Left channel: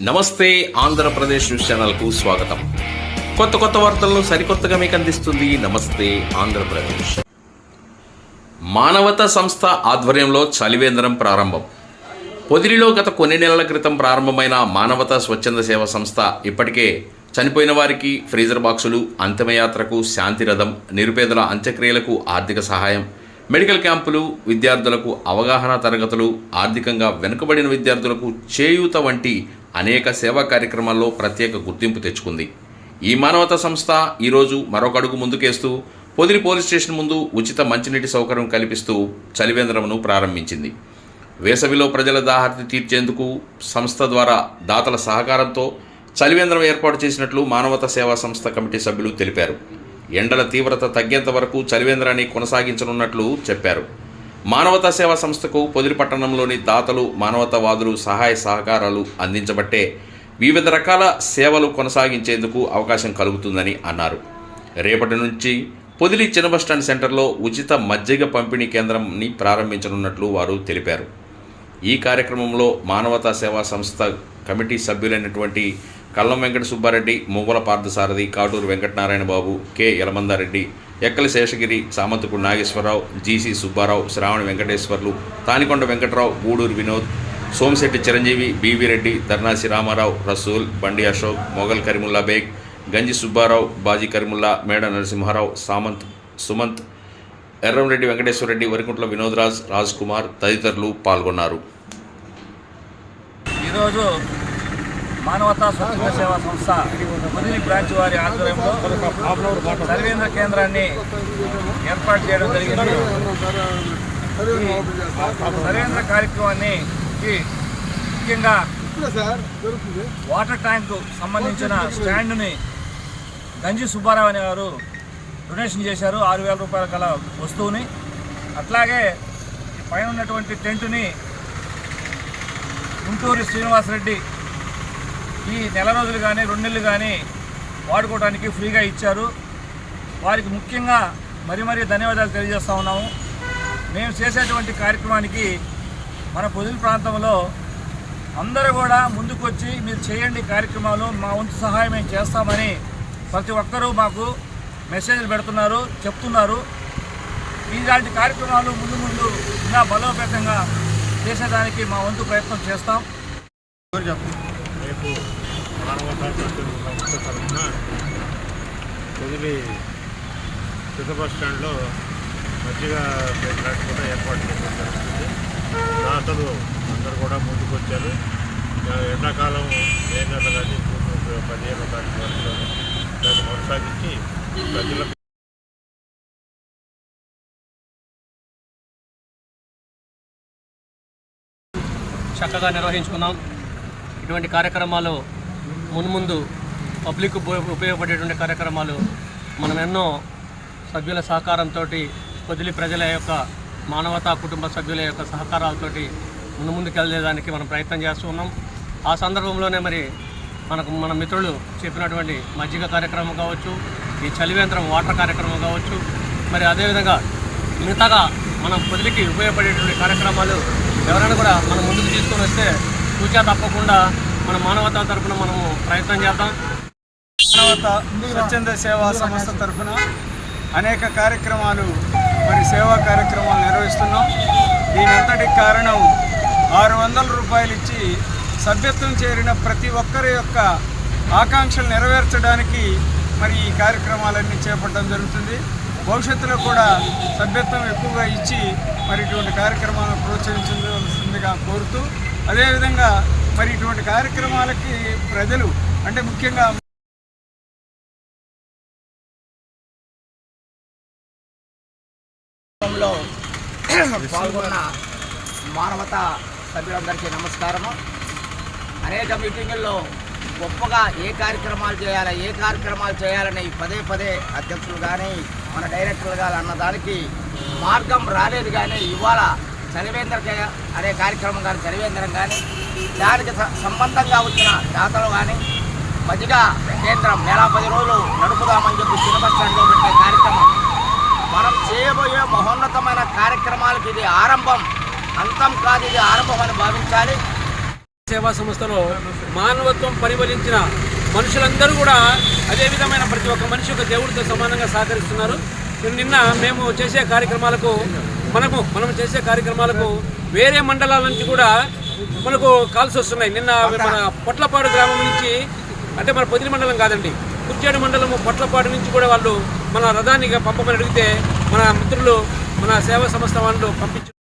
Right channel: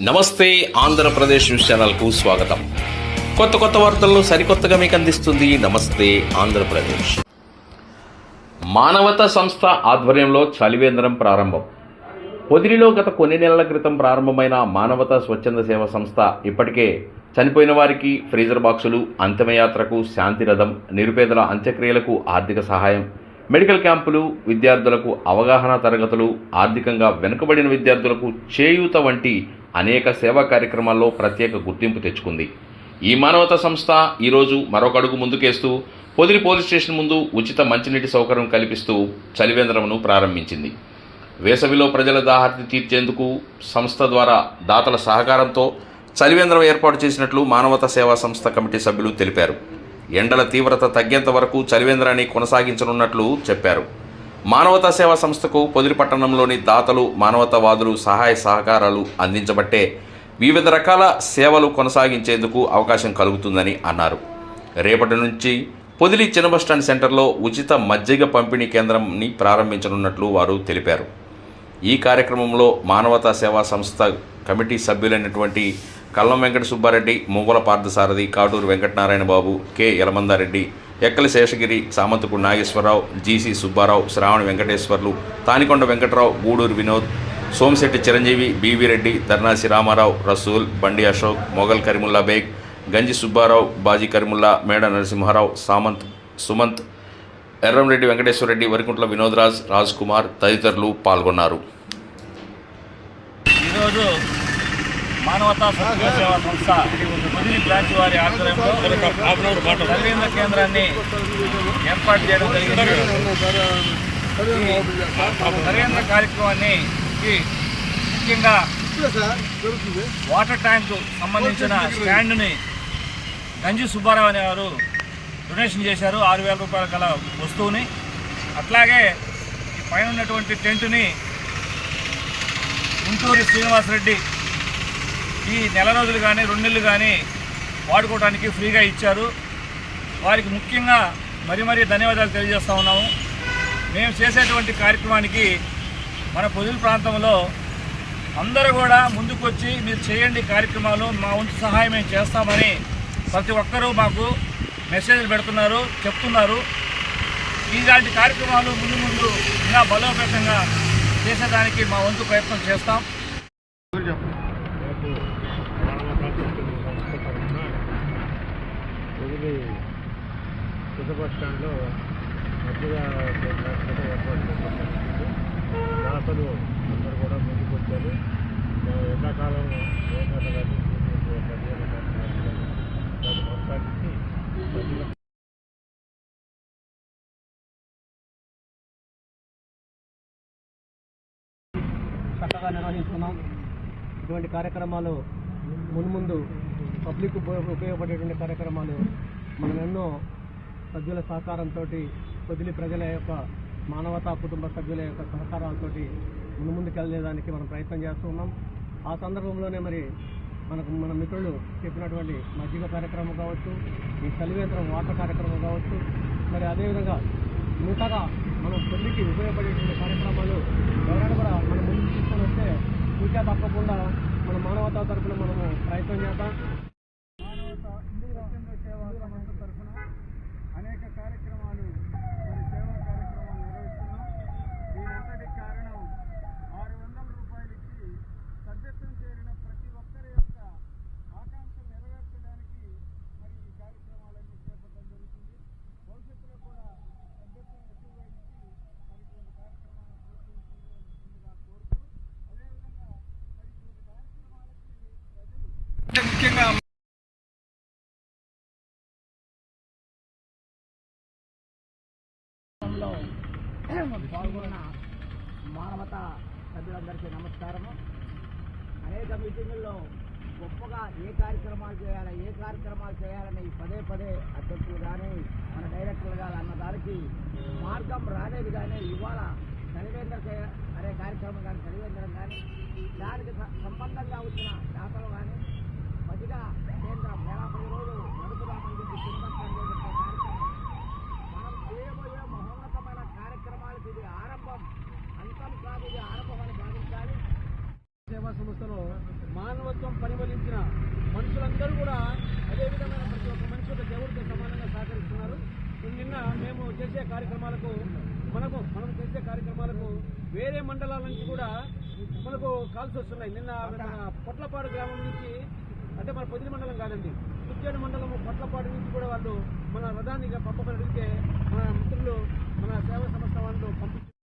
నమస్తే ఆంధ్రప్రదేశ్ న్యూస్ ఛానల్కు స్వాగతం. కొత్త కొత్త వార్తలను సరికొత్తగా మీకు అందిస్తుంది నమస్తే ఆంధ్రప్రదేశ్. మానవతా సంస్థ ఆధ్వర్యంలో చలివేంద్రం ప్రారంభం. పొదిలిలో గత కొన్ని నెలల క్రితం ప్రారంభమైన మానవతా స్వచ్ఛంద సేవ సంస్థ ఇప్పటికే చనిపోయిన వారికి ఫ్రీజర్ బాక్సులు అంతిమయాత్రకు శాంతిరథం నిరుపేదల అంత్యక్రియలకు ఆర్థిక సహాయం మెడికల్ క్యాంపులు విద్యార్థులకు అవగాహన తరగతులు ఆర్థికంగా వెనుకబడిన విద్యార్థులకు చేయూత వంటి అనేక సేవా కార్యక్రమాల్లో ప్రత్యేక గుర్తింపు తెచ్చుకుంది. ఈ మానవతా సంస్థ ఈరోజు మరొక అడుగు ముందుకేస్తూ పొదిలి పోలీస్ స్టేషన్ ముందు ఉచిత మంచినీటి సౌకర్యం కల్పిస్తూ చలివేంద్రమును ప్రారంభించింది. వేసవిలో ప్రజల దాహార్తి తీర్చేందుకు సంస్థ ద్వారా దాతల సహకారంతో చలివేంద్రం ఏర్పాటు చేసినట్లు మానవతా సేవా సంస్థ కమిటీ సభ్యులు తెలిపారు. ఎండల తీవ్రత తగ్గేంత వరకు చలివేంద్రాన్ని కొనసాగించనున్నట్లు చెప్పారు. మానవతా సేవా సంస్థకు పొదిలి పట్టణంలోని దాతలు మానవతావాదులు సహాయ సహకారాలు అందించబట్టే వివిధ రకాల సేవలు కొనసాగించేందుకు అవకాశం కలుగుతుందని అన్నారు. రేపటి నుంచి పొదిలి చిన్న బస్టాండ్ సెంటర్లో ఉచిత మజ్జిగ పంపిణీ కేంద్రంని ప్రారంభించనున్నట్లు వారు తెలిపారు. ఈ కార్యక్రమంలో మానవతా సేవా సంస్థ committee సభ్యులైనటువంటి Kallam Venkata Subbareddy Muvvala Parthasarathy Katuru Venkatanarayana Babu K. Yalamandareddy Ekkali Seshagiri Samanthapudi Nageswararao GC Subbarao Sravani Venkateswarlu Tanikonda Venkatarao Guduru Vinod Somasetty Chiranjeevi BV Reddy Dharnasi Ramarao Rasool Bandi Ashok Mughal Karimulla Baig గంజి సుబ్బారావు బాజీ కరీముల్లా మేడ నరసింహారావు సామంత్ సుమంత్ ఎర్రంరెడ్డి వెంకటేశ్వరరెడ్డి వరికుంట్ల వినోద్రాజ్ రాజ్ కుమార్ తదితరులు పాల్గొన్నారు. ఈరోజు మానవతా స్వచ్ఛంద సేవా సంస్థ ముదిరి బ్రాంచ్ వారి ఆధ్వర్యంలో సర్వేంద్ర కేంద్రాన్ని ఏర్పాటు చేయడం జరిగింది. ఈ సర్వేంద్ర కార్యక్రమాన్ని ముఖ్యంగా వాటర్ ట్యాంకు సంబంధించిన స్టాండ్ని గంజి సుబ్బారావు అనే వారు డొనేషన్ చేశారు. ఆరు వేల రూపాయల గల వస్తువుని. అట్లాగే ఈ పైన ఉన్నటువంటి టెంటుని గుంటూరు శ్రీనివాసరెడ్డి ఈ నెల రోజులు కానీ రెండు నెలలు కానీ వాడుకోవడానికి ఫ్రీగా ఇచ్చారు. వారికి ముఖ్యంగా మరీ మరీ ధన్యవాదాలు తెలియజేస్తా ఉన్నాము. మేము చేసేటువంటి కార్యక్రమానికి మన పొదిలి ప్రాంతంలో అందరూ కూడా ముందుకొచ్చి మీరు చేయండి కార్యక్రమాలు మా వంతు సహాయం మేము చేస్తామని ప్రతి ఒక్కరూ మాకు మెసేజ్లు పెడుతున్నారు చెప్తున్నారు. ఇలాంటి కార్యక్రమాలు ముందు ముందు ఇంకా బలోపేతంగా చేసేదానికి మా వంతు ప్రయత్నం చేస్తాం. రేపు మానవతా సంస్థ తరఫున పొదిలి పెద్ద బస్ స్టాండ్లో మజ్జిగ ప్లాట్ కూడా ఏర్పాటు చేయడం జరుగుతుంది దాతలు అందరూ కూడా ముందుకు వచ్చారు. ఎండాకాలం ఏ నెల కానీ జూన్ పదిహేను తారీఖు వరకు దాన్ని కొనసాగించి ప్రజలకు చక్కగా నిర్వహించుకున్నాం. ఇటువంటి కార్యక్రమాలు మున్ముందు పబ్లిక్ ఉపయోగ ఉపయోగపడేటువంటి కార్యక్రమాలు మనం ఎన్నో సభ్యుల సహకారంతో పొదిలి ప్రజల యొక్క మానవతా కుటుంబ సభ్యుల యొక్క సహకారాలతోటి ముందు ముందుకు వెళ్ళేదానికి మనం ప్రయత్నం చేస్తూ ఉన్నాం. ఆ సందర్భంలోనే మరి మనకు మన మిత్రులు చెప్పినటువంటి మజ్జిగ కార్యక్రమం కావచ్చు ఈ చలివేంద్రం వాటర్ కార్యక్రమం కావచ్చు మరి అదేవిధంగా మిగతాగా మనం పొదిలికి ఉపయోగపడేటువంటి కార్యక్రమాలు ఎవరైనా కూడా మనం ముందుకు తీసుకొని వస్తే సూచన తప్పకుండా మన మానవత తరఫున మనము ప్రయత్నం చేద్దాం. మానవత స్వచ్ఛంద సేవా సంస్థ తరఫున అనేక కార్యక్రమాలు మరి సేవా కార్యక్రమాలు నిర్వహిస్తున్నాం. దీనంతటికి కారణం ఆరు వందల రూపాయలు ఇచ్చి సభ్యత్వం చేరిన ప్రతి ఒక్కరి యొక్క ఆకాంక్షలు నెరవేర్చడానికి మరి ఈ కార్యక్రమాలన్నీ చేపట్టడం జరుగుతుంది. భవిష్యత్తులో కూడా సభ్యత్వం ఎక్కువగా ఇచ్చి మరి ఇటువంటి కార్యక్రమాలను ప్రోత్సహించవలసిందిగా కోరుతూ అదేవిధంగా మరి ఇటువంటి కార్యక్రమాలకి ప్రజలు అంటే ముఖ్యంగా పాల్గొన్న మానవత సభ్యులందరికీ నమస్కారము. అనేక మీటింగుల్లో గొప్పగా ఏ కార్యక్రమాలు చేయాలి ఏ కార్యక్రమాలు చేయాలని పదే పదే అధ్యక్షులు కానీ మన డైరెక్టర్లు కానీ అన్నదానికి మార్గం రాలేదు కానీ ఇవాళ చలివేంద్ర కే- అనే కార్యక్రమం కానీ చలివేంద్రం కానీ దానికి సంబంధంగా వచ్చిన జాతరలు కానీ మధ్యగా కేంద్రం నెల పది రోజులు నడుపుదామని చెప్పి చిన్న పెట్టే కార్యక్రమం. మనం చేయబోయే మహోన్నతమైన కార్యక్రమాలకు ఇది ఆరంభం. అంతం కాదు ఇది ఆరంభం అని భావించాలి. సేవా సంస్థలో మానవత్వం పరిమళించిన మనుషులందరూ కూడా అదే విధమైన ప్రతి ఒక్క మనిషి ఒక దేవుడితో సమానంగా సహకరిస్తున్నారు. నిన్న మేము చేసే కార్యక్రమాలకు మనము మనం చేసే కార్యక్రమాలకు వేరే మండలాల నుంచి కూడా మనకు కాల్స్ వస్తున్నాయి. నిన్న మన పొట్లపాడు గ్రామం నుంచి అంటే మన పొదిలి మండలం కాదండి కుర్చేడు మండలము పొట్లపాడు నుంచి కూడా వాళ్ళు మన రథాన్ని పంపమని అడిగితే మన మిత్రులు మన సేవా సంస్థ వాళ్ళు పంపించారు